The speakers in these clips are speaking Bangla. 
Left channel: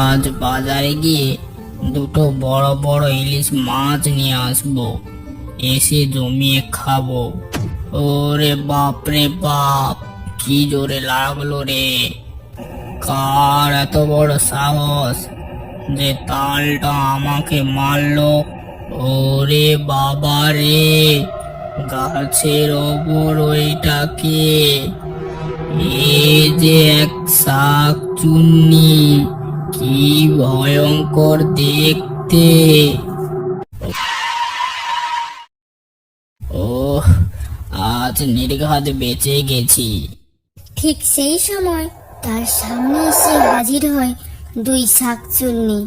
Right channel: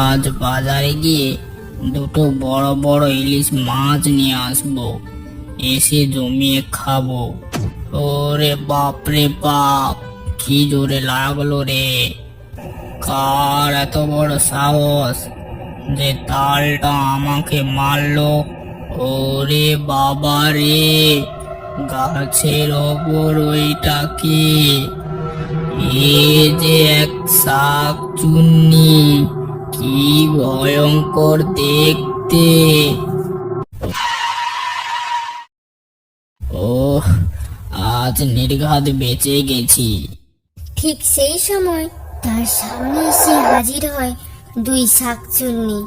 আজ বাজারে গিয়ে দুটো বড় বড় ইলিশ মাছ নিয়ে আসবো, এসে জমিয়ে খাবো। ওরে বাপ রে বাপ, কি জোরে লাগলো রে! কার এত বড় সাহস যে তালটা আমাকে মারলো! ওরে বাবা রে, গাছের ওপর ওইটা কে? এ যে এক শাক চুন্নি, কি ভয়ঙ্কর দেখতে! ওহ, আজ নির্ঘাত বেঁচে গেছি। ঠিক সেই সময় তার সামনে এসে হাজির হয় দুই শাকচুন্নি।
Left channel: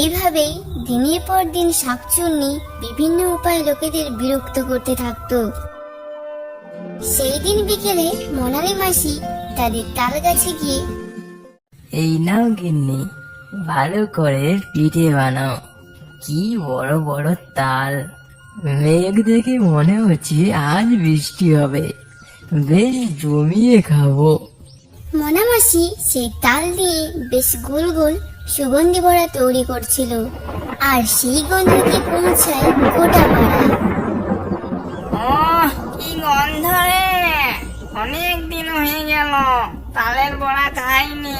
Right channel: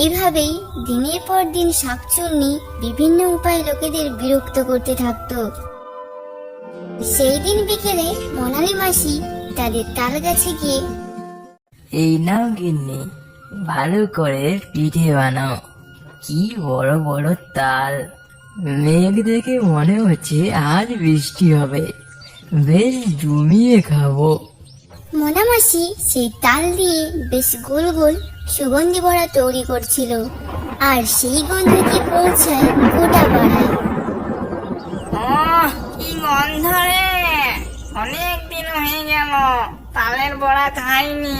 এইভাবেই দিনের পর দিন শাকচুন্নি বিভিন্ন উপায়ে লোকেদের বিরক্ত করতে থাকতো। সেই দিন বিকেলে মনালি মাসি তাদের তাল গাছে গিয়ে, এই নাও গিন্নি, ভালো করে পিঠে বানাও। কি বড় বড় তাল! মেঘ দেখে মনে হচ্ছে আজ বৃষ্টি হবে। বেশ জমিয়ে খাবো। মোনা মাসি সেই তাল দিয়ে বেশ গোল গোল সুগন্ধি বড়া তৈরি করছিল, আর সেই গন্ধে পৌঁছায় গোটা পাড়ায়। কি গন্ধ রে! অনেক দিন হয়ে গেল তালের বড়া খাইনি।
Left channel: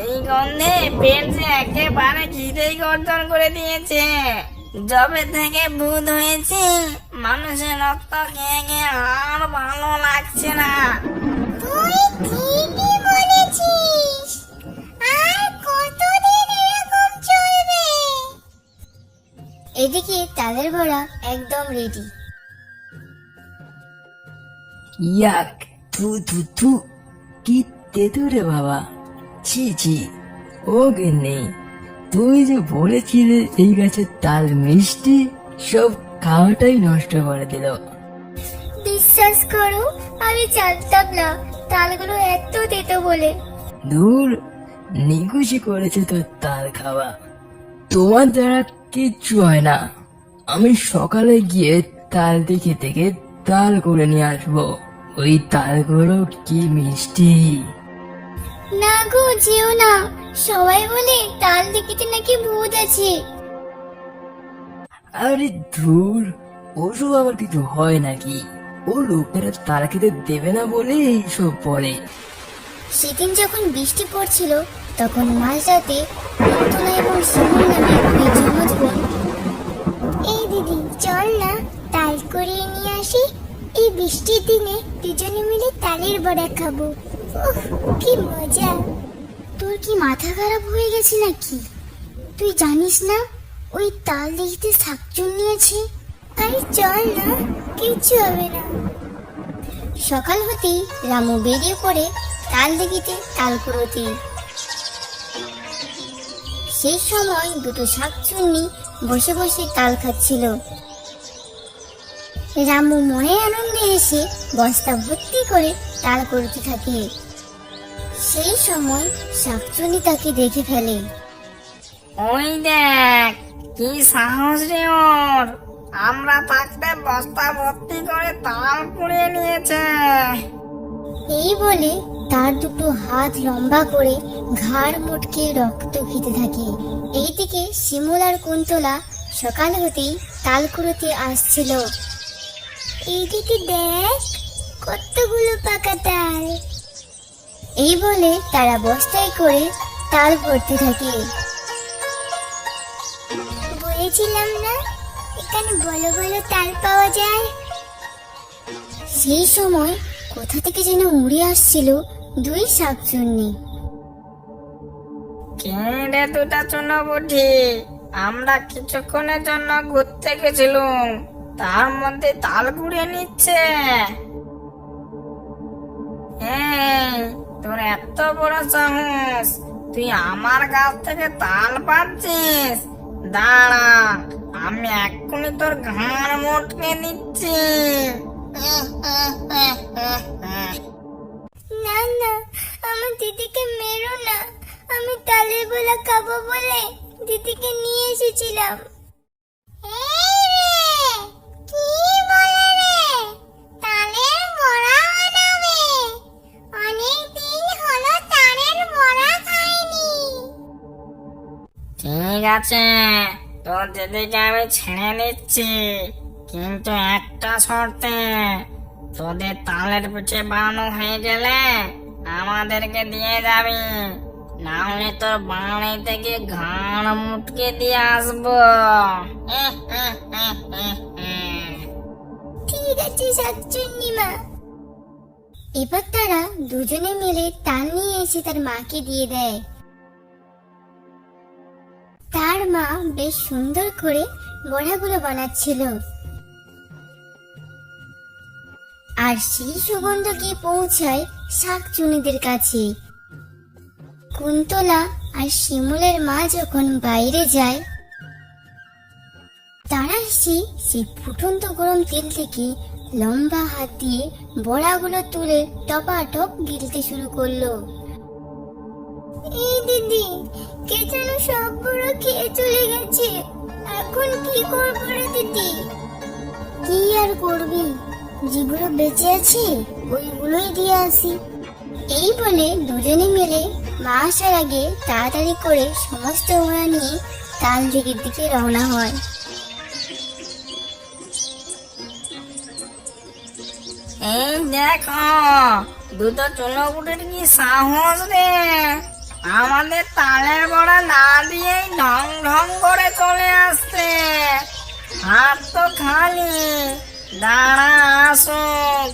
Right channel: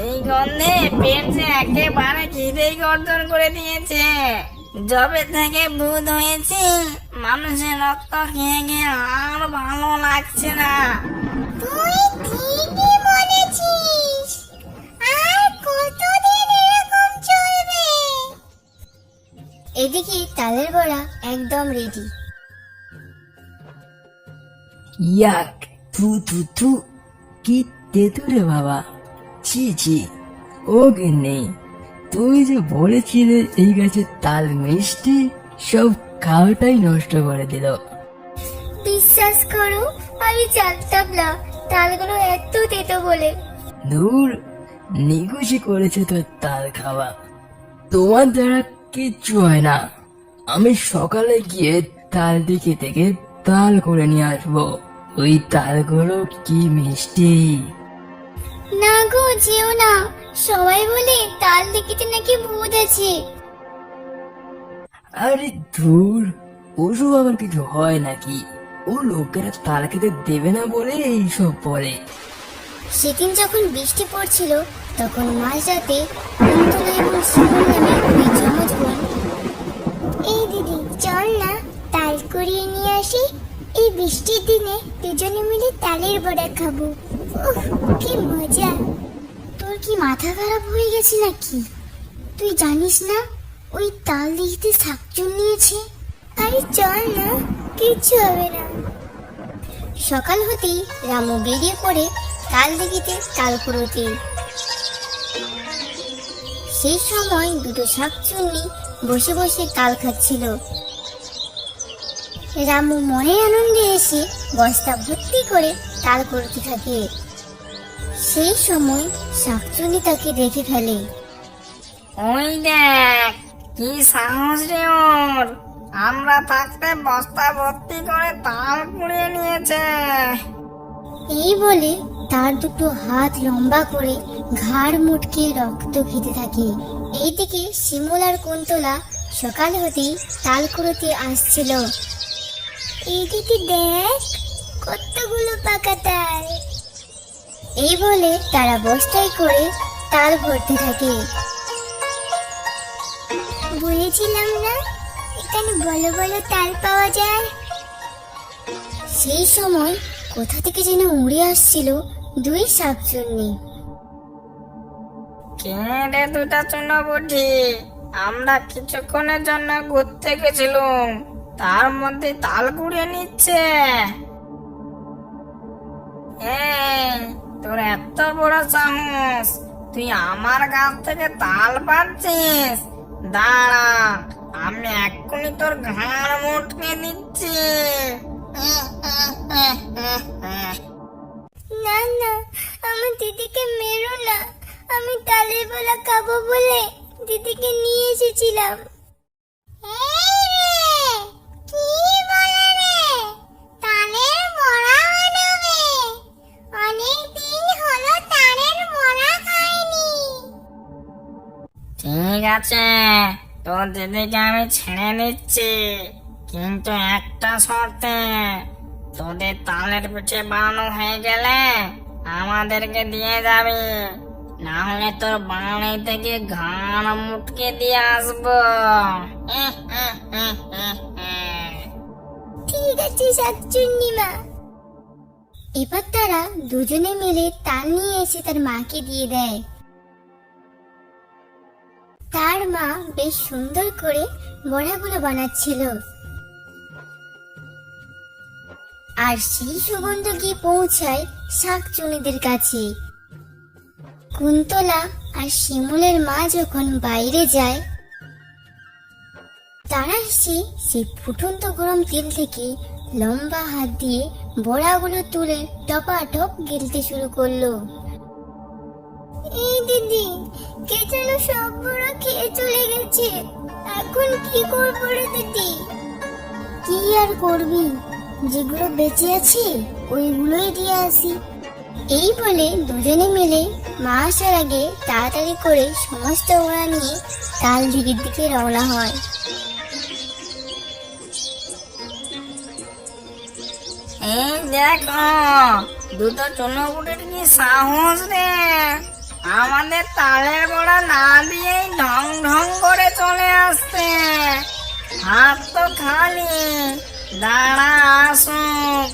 এই গন্ধে পেট যে একেবারে খিদেই গর্জন করে দিয়েছে। যবে থেকে ভূত হয়েছি, মানুষের রক্ত খেয়ে খেয়ে আর ভালো লাগছে না। তুই ঠিকই বলেছিস, আর কতদিন এরকম চলবে? এদিকে তালের বড়া একদম রেডি। ইয়াক, থু থু থু, কি তেতো রে বাবা! ছি ছি! ও গিন্নি, তুমি যে বলেছিলে এই গাছের তাল মিষ্টি, সব খাওয়াটাই নষ্ট করে দিল। বিশ্বাস করো, আমি জানতাম না তালগুলো এত তেতো বলে। দূর, নিকুচি করেছে তোর তাল খাওয়া। তোমার দ্বারা কিচ্ছু হয় না। আমি সকালে গিয়ে তাল দিকে থেকে তাল করে নিয়ে আসবো। ওই তালগুলো কি মিষ্টি! না গো, যেও না। সবাই বলে তাল দেখিতে নাকি ভূত আছে। আরে ধুর, ওসব আমার কিছু হয় নাকি? ও লোকেরা তাল খেতে দেবে না বলে এইসব বলে। সেদিন যখন বৃষ্টি পড়ছিল, তখন মাঝরাতে কুন্তলা এবং শিমুল নামে দুই যমজ বোন, এই দিদি চল না তাল কুড়িয়ে নিয়ে আসি, এই বৃষ্টির দিনে দুজনে মিলে তালের বড়া খাবো। উফ, কি মজা! তোর কি মাথা খারাপ হয়ে গেছে নাকি? তুই জানিস না ওই তাল দিঘিতে শাকচুন্নি আছে? আরে চল না, কিচ্ছু হবে না। সকাল হতেই রামু বেরিয়ে পড়ে তাল দিঘিতে তাল কুড়োতে। সেই সময় দুটো শাকচুন্নি বসে বসে তাল খাচ্ছিল। রামু মনে আনন্দে এসে বস্তা ভর্তি করে তাল কুড়োতে থাকে। সেই সময় শাকচুন্নি তাকে দেখে ফেলে। ওই দেখ, কি সাহস রে ওর! আমরা থাকতে বস্তা ভর্তি করে তাল কুড়িয়ে নিয়েছে। এই বলে তার দুটো হাত লম্বা করে ঘাড় মুটকে রক্ত খেতে থাকে। এইদিকে শিমুল আর কুন্তলা সকাল হতেই তাল কুড়োতে আসছিল। এইদিকে দেখ, কতগুলো পাকা তাল! এই বলে তারা বস্তায় করে তাল ভরতে থাকে। বলেছিলাম না এখানে ভালো ভালো তাল পাওয়া যায়। সেই সময় কোথা থেকে যেন উড়ে আসছিল দুই শাকচুন্নি। কে রে দুটা চুনোপুঁটি? আমরা কিছুক্ষণের জন্য ঘুরতে গেছিলাম, তার মধ্যে তাল কুড়িয়ে নিচ্ছে। এই, তোর এত বড় সাহস, তুই আমার গাছ থেকে তাল পাচ্ছিস? দাঁড়া, আমি এক্ষুনি তোর ঘাড় মুটকে দিচ্ছি। না না, আমার দিদিকে মেরো না। আমি তালের বড়া খাবো বলে দিদিকে নিয়ে এসেছিলাম। ঠিক আছে, তোর দিদিকে আমি ছেড়ে দিচ্ছি, কিন্তু একটা শর্তে, তোদের তালের পিঠে বানানো হয়ে গেলে আমাদেরকে দিয়ে যাবি, না হলে তোর বাড়ি থেকে ঘাড় মুটকে দিয়ে আসবো। ঠিক আছে শাকচুন্নি মা। এবার তারা দুজনে মিলে তাল নিয়ে এসে তার মাকে দিয়ে দেয়। তার মা বেশ সুন্দর করে বড়াগুলো বানাচ্ছিল, আর সেই সুগন্ধ গিয়ে পৌঁছায় শাকচুন্নিদের কাছে। কুন্তলা আর শিমুলের মা যখন বাইরে যায়, তারা সেই ফুটন্ত গরম তেল থেকে লম্বা হাত দিয়ে বড়াগুলো তুলে টপাটপ গিলতে শুরু করলো। এই দিদি, কে যেন সব বড়া খেয়ে চলে গেছে, এখন কি করবো রে দিদি? কি আর করবি, যেগুলো বেঁচে আছে ওইগুলোই দিয়ে আসি। এই বলে দুজনে মিলে মা আসার আগে তাড়াতাড়ি করে সমস্ত বড়া নিয়ে তাল দিকের দিকে রওনা হয়। এই দেখো, দুটো চুনোপুটির কি সাহস রে, আমাদের তালের বড়া না দিয়েই ঢং ঢং করে চলে আসছে। হাত তো খালি, দাঁড়া আসুক,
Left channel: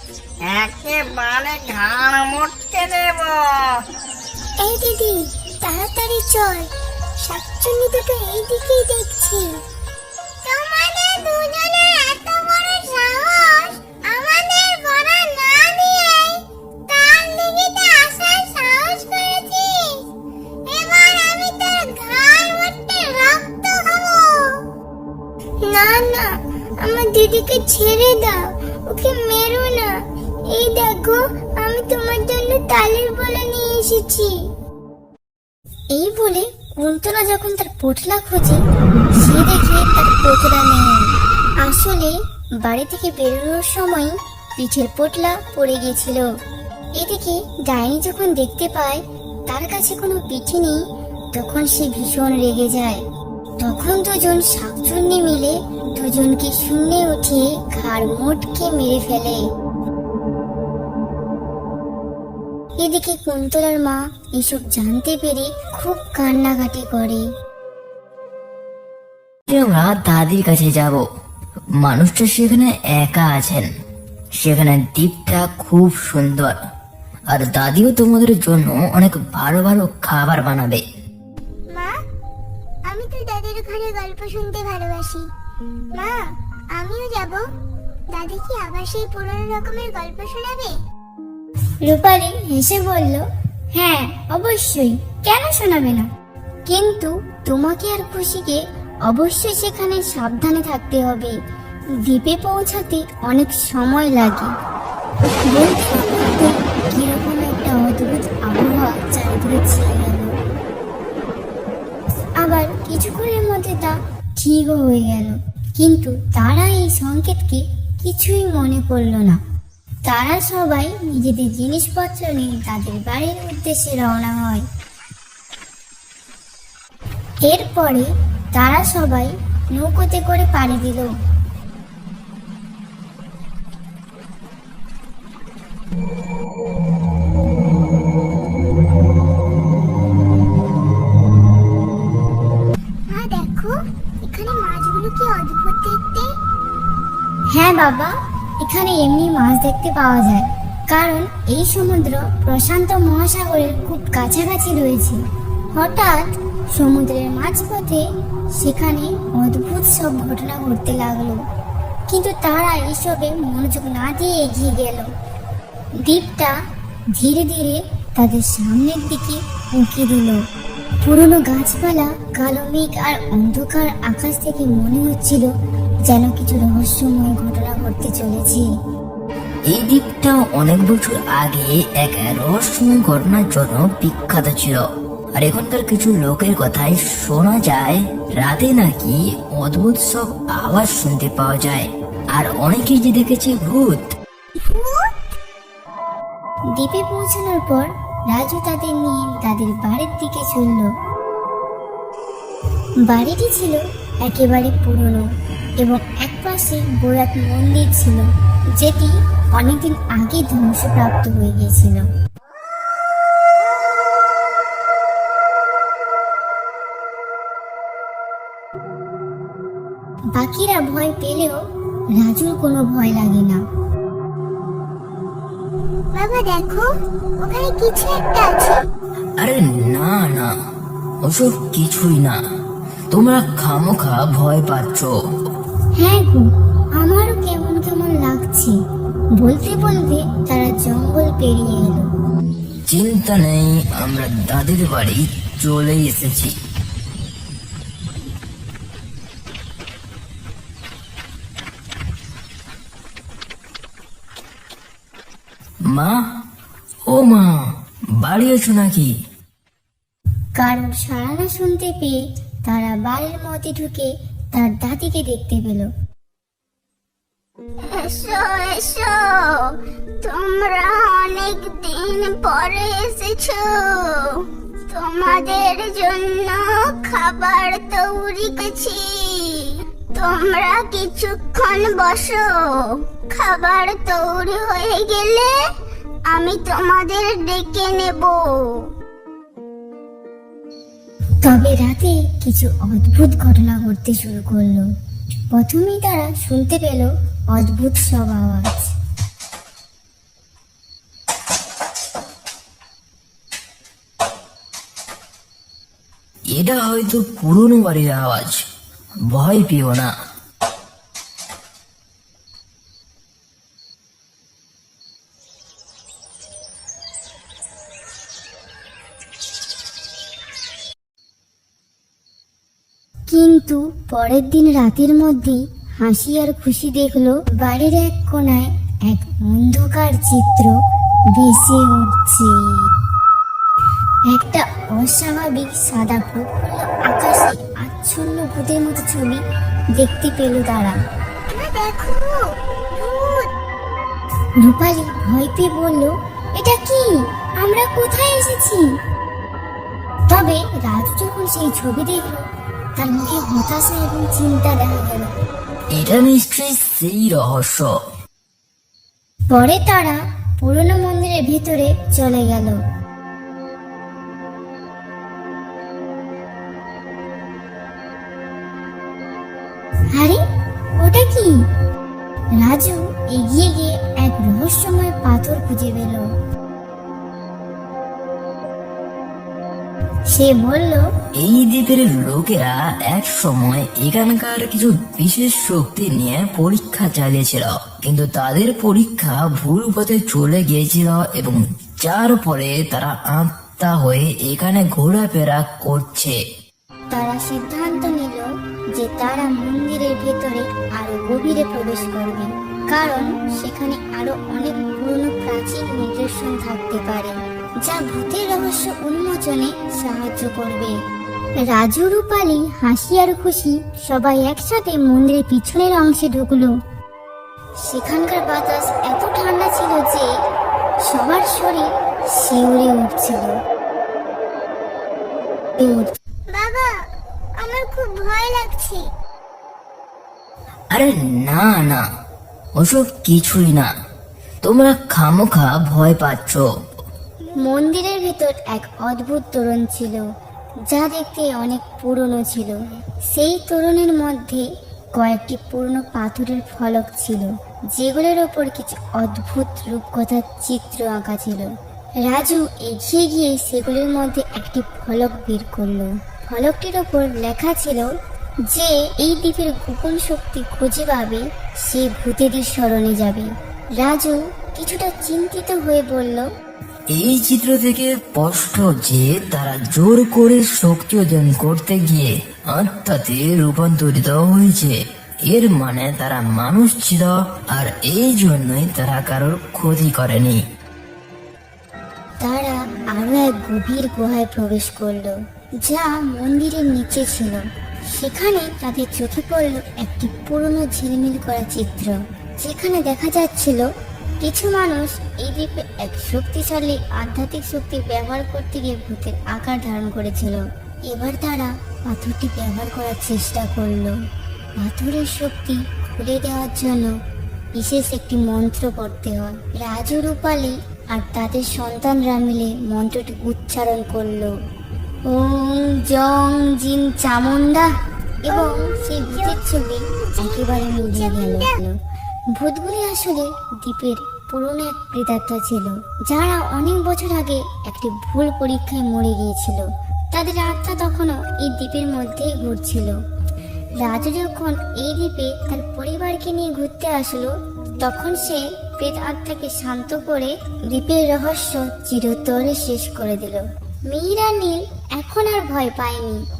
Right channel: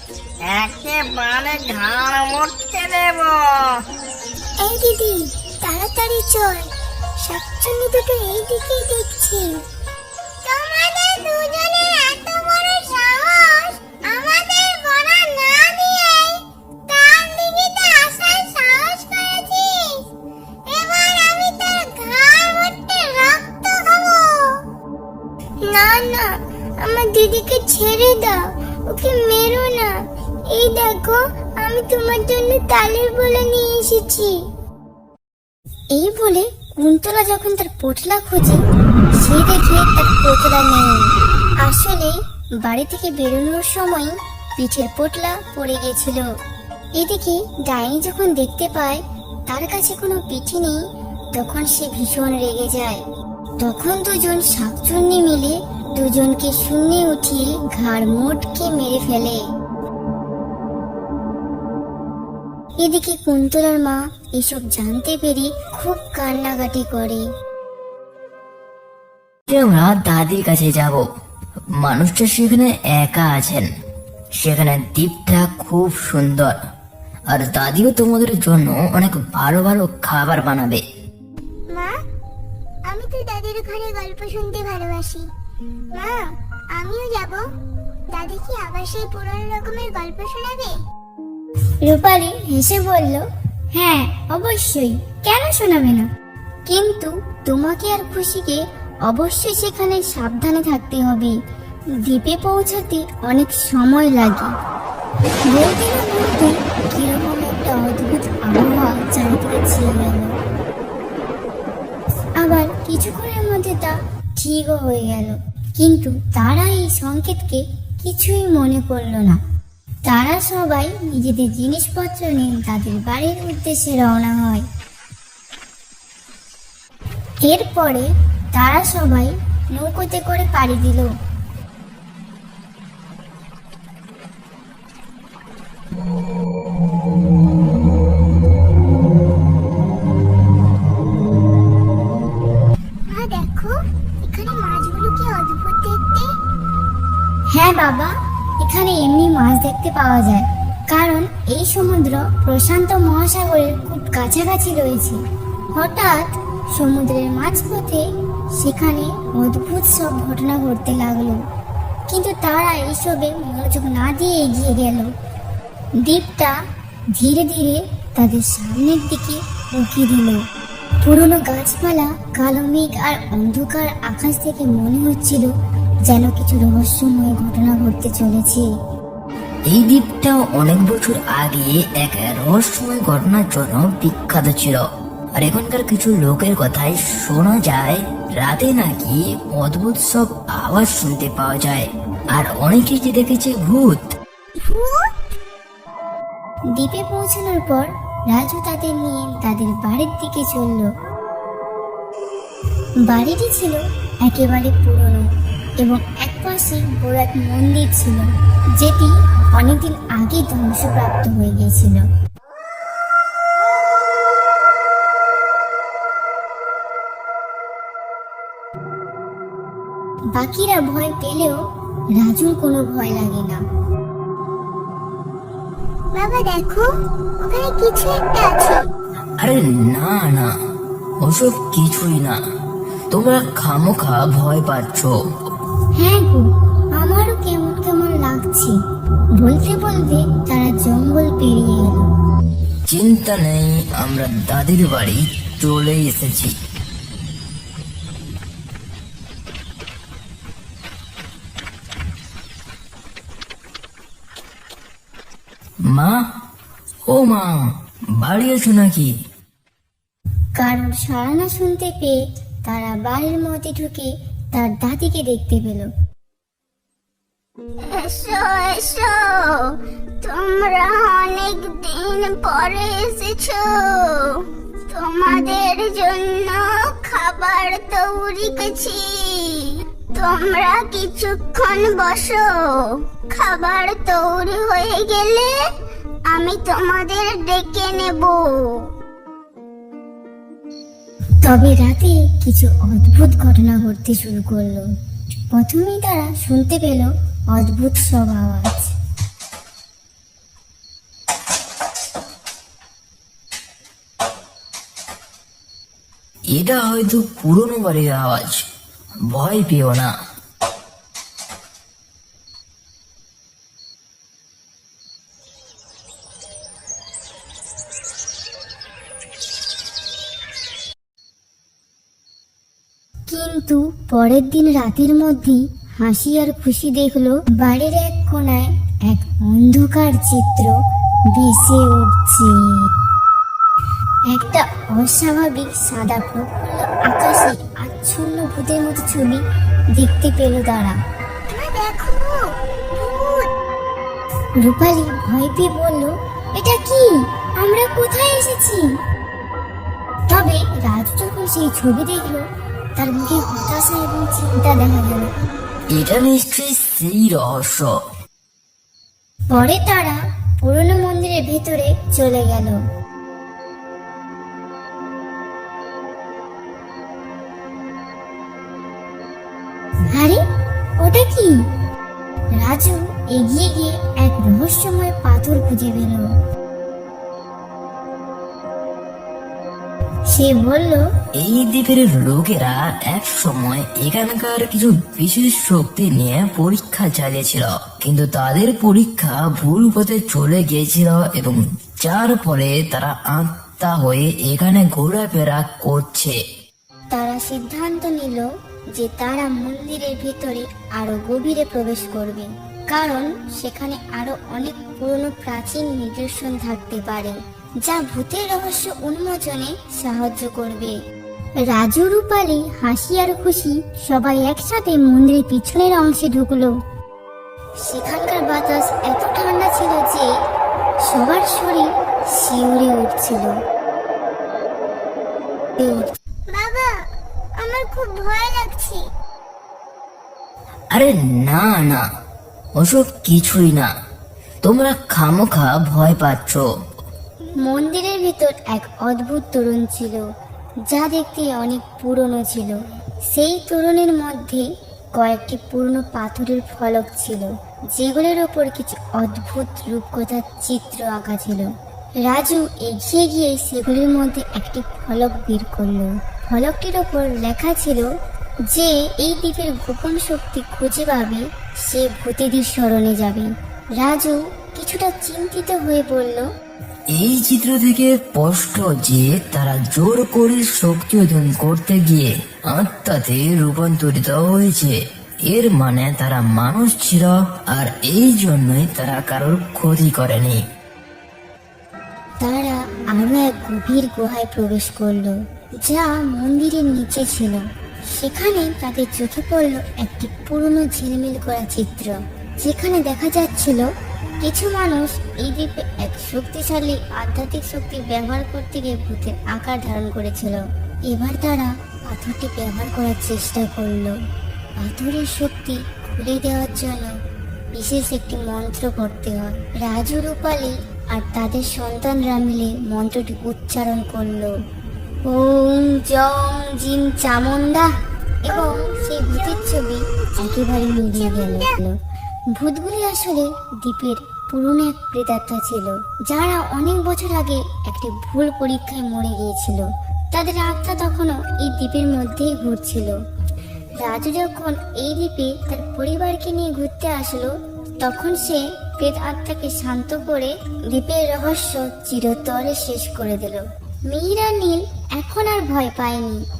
একেবারে ঘাড় মুটকে দেব। এই দিদি, তাড়াতাড়ি চল, শাকচুন্নি দুটো এই দিকেই দেখছি। তোমাদের দুজনের এত বড় সাহস, আমাদের বড়া না দিয়ে তার দিকে আসার সাহস করেছিস? এবার আমি তোর ঘাড় মুটকে রক্ত খাবো। না না, আমার দিদিকে ছেড়ে দাও, ওকে মেরো না। এই দেখো, আমি তোমার জন্য তালের বড়া নিয়ে এসেছি। এই বলে কুন্তলা যখন তার পোটলা খোঁজে, সে দেখে তার পোটলা নেই। আসলে বাড়ি থেকে বেরোনোর সময় পিঠের পোটলা পড়ে গেছিল। এদিকে ডাইনি যখন দেখতে পায় তার কাছে কোনো পিঠে নেই, তখন সে ভীষণ রেগে যায়। তখন দুজন শাকচুন্নি মিলে দুজনকে শূন্যে উঠিয়ে ঘাড় মোটকে মেরে ফেলে। এদিকে কুন্তলার মা এসব জানতে পেরে খুব কান্নাকাটি করে। আমরা দাদির কাছে যাব। মানুষটা সেখানে একা আছেন, সেখানে দ্বীপটা খুব সুন্দর, আর দাদিও তোমাদের জন্য অনেক ভালো ভালো খাবার বানাবে। মা, আমি তো দাদির ঘরে গল্প শুনতে ভালোবাসি। মা, আমিও যাব। দাদি কি আবার সেই পুরনো রকমের গল্প শোনাবে? রূপালী হেসে বলল, হ্যাঁ অবশ্যই, কেন শোনাবে না? কিন্তু তোমাকে আর খুশিকে অবশ্যই সেখানে সাবধানে থাকতে হবে। দ্বীপে পৌঁছাতে অনেক সময় লাগে। বলতে না বলতে কিরকম একটা অদ্ভুত আবহাওয়া চারিদিকে ছেয়ে গেল। আবার কিছুক্ষণের মধ্যে তা ঠিকও হয়ে গেল, কিন্তু তারা এই সংকেতকে কিছুই মনে করলো না। তারা সবাই নিজেদের জিনিসপত্র নিয়ে তাদের বাড়ির উদ্দেশ্যে রওনা হয়। এরপরে তারা সবাই নৌকোতে করে পাড়ি দিল। মা দেখো, এখানে মাছগুলো কি অদ্ভুত দেখতে। হ্যাঁ বাবা, এখানে এমনি মাছ দেখতে পাওয়া যায়, কারণ এই সমুদ্র প্রশান্ত মহাসাগরের খুব কাছাকাছি রয়েছে। হঠাৎ সমুদ্রের মাঝপথে সেখানে অদ্ভুত সব ঘটনা ঘটতে লাগলো, কিন্তু তারা এসবে মনোযোগ না দিয়ে এগিয়ে গেল। দ্বীপটা ধীরে ধীরে তাদের সামনের দিকে উঁকি দিল। পুরনো গাছপালা, কালো মেঘ আর অন্ধকার আকাশ থেকে মনে হচ্ছিল যেন কিছু রহস্যময় ঘটনা ঘটতে চলেছে। এই দ্বীপটা অনেক বছর আগে এক রহস্যময় ঘটনার জন্য বিখ্যাত ছিল, আর এখানকার কিছু লোকের কথায় শোনা যায় রাতে নাকি অদ্ভুত সব আওয়াজ শুনতে পাওয়া যায়, আর অনেকেই যে দেখেছে ভূত। দ্বীপে পৌঁছানোর পর রাজু তাদের নিয়ে তাদের বাড়ির দিকে চলল। বাড়িটি ছিল একেবারে পুরনো এবং একপাশে বড় এক মন্দির ছিল, যেটি অনেকদিন আগে ধ্বংসপ্রাপ্ত হয়ে গিয়েছিল। বাকিরা ভয় পেলেও রাজুর কোনো ভয় লাগে না। বাবা দেখো, ওখানে কিছু একটা আছে। আরে না না, ওসব কিছুই না, তোমরা খামোখা ভয় পাচ্ছ। হ্যাঁ গো, আমারও কেমন কেমন লাগছে। বলতে বলতে তারা জঙ্গল পেরিয়ে এলো। চিন্তা নেই, আমরা দাদির বাড়ি চলে এসেছি। মা, ও মা, বাড়ি আছো নাকি? কারণ সাড়া না শুনতে পেয়ে তারা বাড়ির মধ্যে ঢুকে তার দাদিকে দেখতে পেল। এসো এসো, তোমরা অনেক দিন পরে এসেছো। তোমাদের জন্য খাবার তৈরি করেছি, তোমরা কিছুক্ষণ বসো। খাবার তৈরি হয়ে গেলে আমি তোমাদের ডেকে নেব। তবে রাতে কিছু অদ্ভুত ঘটনা ঘটতে শুরু করলো। প্রথমেই তারা শুনতে পেল অদ্ভুত সব আওয়াজ। এটা হয়তো পুরনো বাড়ির আওয়াজ, ভয় পেও না। কিন্তু পরের দিন রাতের মধ্যেই হাসি আর খুশি দেখলো বাড়ির এক কোণায় এক অন্ধকার চিত্র ভেসে উঠছে। একটা অস্বাভাবিক সাদা প্রফুল্ল আকাশে আচ্ছন্ন ভূতের মতো ছবি দেখতে পেল তারা। দেখো, রূপালী ভয় পেয়ে বলল, এটা কি? আমরা কোথায় এসেছি? তবে রাজু যখন সেই ছবি দেখলো, তার মুখে হতাশা এবং চিন্তা দেখা গেল। এটা নিশ্চয়ই সেই রহস্য। পরে তারা পুরনো মন্দিরের ভেতরে চলে গেল। আরে ওটা কি? রাজু এগিয়ে গিয়ে এক রহস্যময় পাথর খুঁজে পেল। সে বলল, এই দ্বীপের লোকেরা এক সময় এখানকার কিছু বিশেষ শক্তি নিয়ে পরীক্ষা চালিয়েছিল, কিন্তু তাদের পরীক্ষা ভুল পথে চলে গিয়েছিল এবং যার ফলে তারা আত্মা হয়ে এখানে ঘোরাফেরা করছে। তারা সিদ্ধান্ত নিল যে তারা মন্দিরের ভেতরে আরো গভীরে প্রবেশ করবে, কারণ সেখানে আরো অনেক পুরনো প্রাচীন নিদর্শন থাকতে পারে যা ভূতের রহস্য উন্মোচনে সাহায্য করবে। রাজু, রূপালী, হাসি আর খুশি সবাই একসাথে মন্দিরের পিছনের অংশে ঢুকলো। সেখানকার বাতাস এত ঠান্ডা ছিল যে সবার শরীর শিউরে উঠছিল। বাবা, আমার খুব ভয় লাগছে। আরে না না, ওসব কিছুই না, তোমরা খামোখা ভয় পাচ্ছ। মন্দিরের ভিতর এক অদ্ভুত তোরণ ছিল যা দেখতে অনেক পুরনো ছিল। সেই তোরণের মধ্যে কয়েকটি পুরনো পাথরের ফলক ছিল, যেগুলোর ওপর কিছু অদ্ভুত রূপকথার চিত্র আঁকা ছিল। রাজু এগিয়ে গিয়ে সেগুলির মধ্যে একটি ফলক বের করলো। ফলকটির উপর লেখা ছিল যে এই দ্বীপের গোপন শক্তি খুঁজে পাবে সে ভূতেদের শরণে যাবে। রাজু কিছুটা চিন্তিত হয়ে বলল, এই চিত্র থেকে স্পষ্ট যে তারা জোর করে শক্তি অর্জন করতে গিয়ে আত্মাতে রূপান্তরিত হয়েছে। এর মানে তারা মানুষ ছিল, আর এই জন্যই তারা কারোর ক্ষতি করেনি। তারা আরো এক গভীর গুহায় প্রবেশ করলো যা মন্দিরের নিচে ছিল। সেখানে তাদের চোখে পড়ল একটি পুরনো ঝিলমিল করা চিত্র, যেখানে দেখা যাচ্ছিল কিছু মানুষ এই দ্বীপে এক শক্তিশালী আধ্যাত্মিক শক্তি ব্যবহার করতে গিয়ে ভূতের আকার ধারণ করেছিল। এবার তারা পাথরটি ব্যবহার করার চেষ্টা করলো। পাথরের শক্তি খুলে দেওয়ার জন্য বিশেষ একটি মন্ত্র পড়তে হয়। রাজু, রূপালী আর তাদের সন্তানরা মিলে মন্ত্রটি উচ্চারণ করলো, ওম জং জিন চামুন্ডা, এবং সেই ভূতের ছবি একেবারে মিলিয়ে গেল। ভূতগুলি আসলে দ্বীপের পুরনো এক প্রেতাত্মা ছিল, যারা অনেক বছর আগে একটি ভুল পরীক্ষায় মরে গিয়েছিল। তাদের আত্মা তখনও এই দ্বীপের মধ্যেই ঘুরছিল। রাজু যখন এই দ্বীপে তার পরিবারকে নিয়ে ঘুরতে আসলো, তখন সে প্রেত আত্মাকে শান্ত করে দ্বীপের রহস্য চিরতরে শেষ করে দিল। মীরা নীল এখন আর ভয় পায়নি।